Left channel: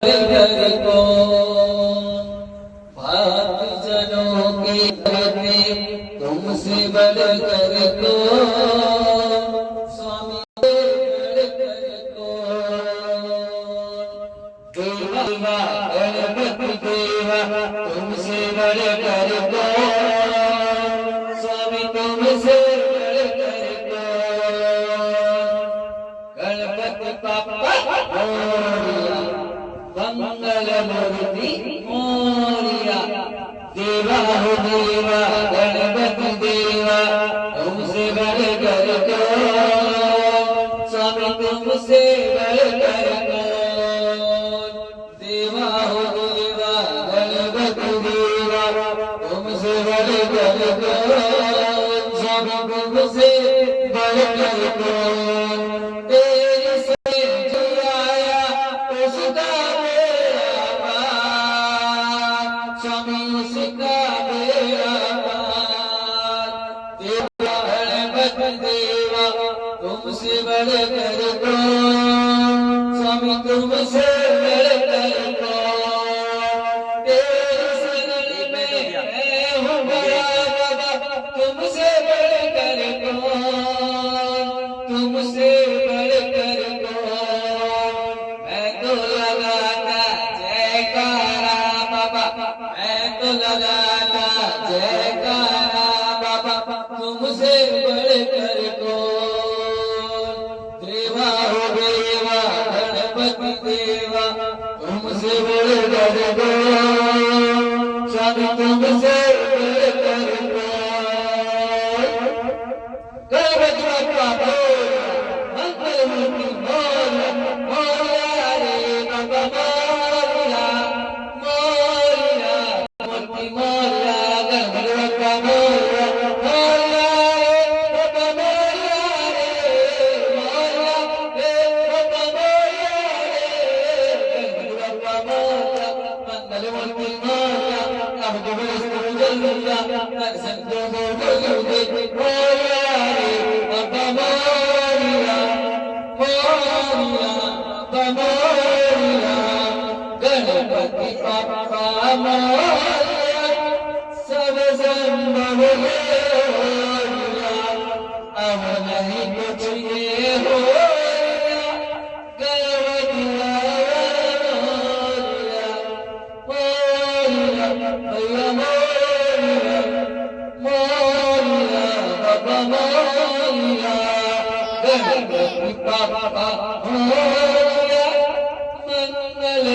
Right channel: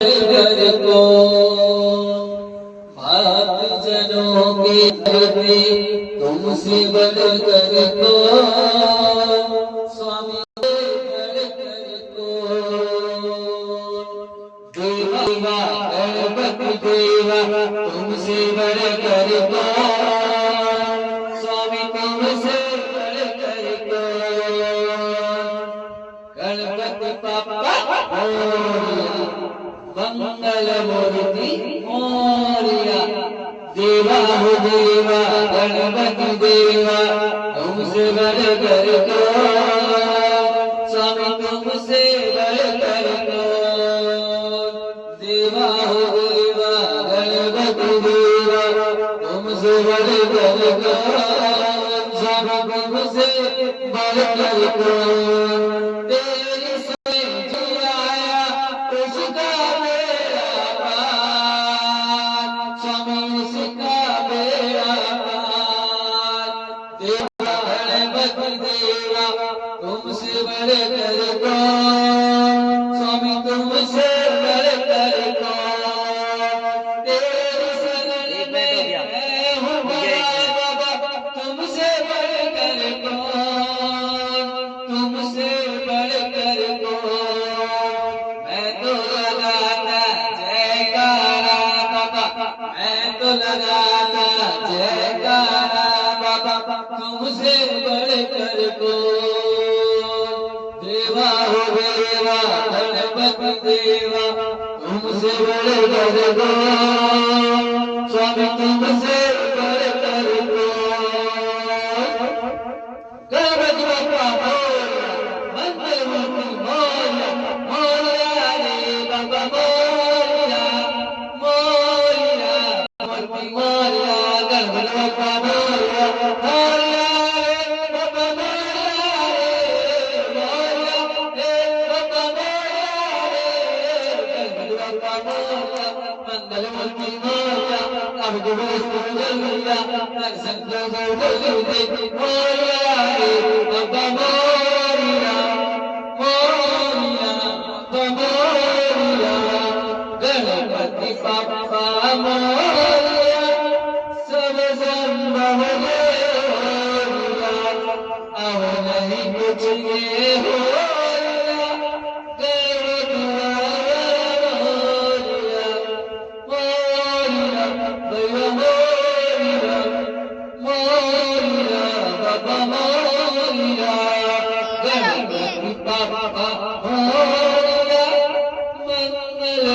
घर को भात जनों के करते तुमसे बढ़कर को स्वामी बढ़कर को देवा गणपति देवा तुमसे बढ़कर को स्वामी तुमसे बढ़कर को गणपति पापा मंगल मूर्ति मोरिया देवा हो देवा गणपति देवा तुमसे बढ़कर को स्वामी तुमसे बढ़कर को देवा हो देवा गणपति देवा तुमसे बढ़कर को स्वामी तुमसे बढ़कर को तुमसे बढ़कर को स्वामी तुमसे बढ़कर को तेरे शरण में हूँ बाबा तुमसे बढ़कर को तुमसे बढ़कर को मैं तो लगाता जयकारा बाबा मैं तो लगाता जयकारा बाबा तुमसे बढ़कर को देवा हो देवा गणपति देवा तुमसे बढ़कर को स्वामी तुमसे बढ़कर को गणपति बाप्पा मंगल मूर्ति मोरिया मोरिया रे बाबा मोरिया मोरिया मूर्ति मोरिया गणपति बाप्पा मोरिया मोरिया मंगल मूर्ति मोरिया अब जो जल्दिया दर्शन दो जल्दी मोरिया रे बाबा मोरिया मोरिया बाबा मोरिया गणपति पापा मोरिया सब संभव मोरिया अब नहीं कुछ ये हो गणपति पापा मंगल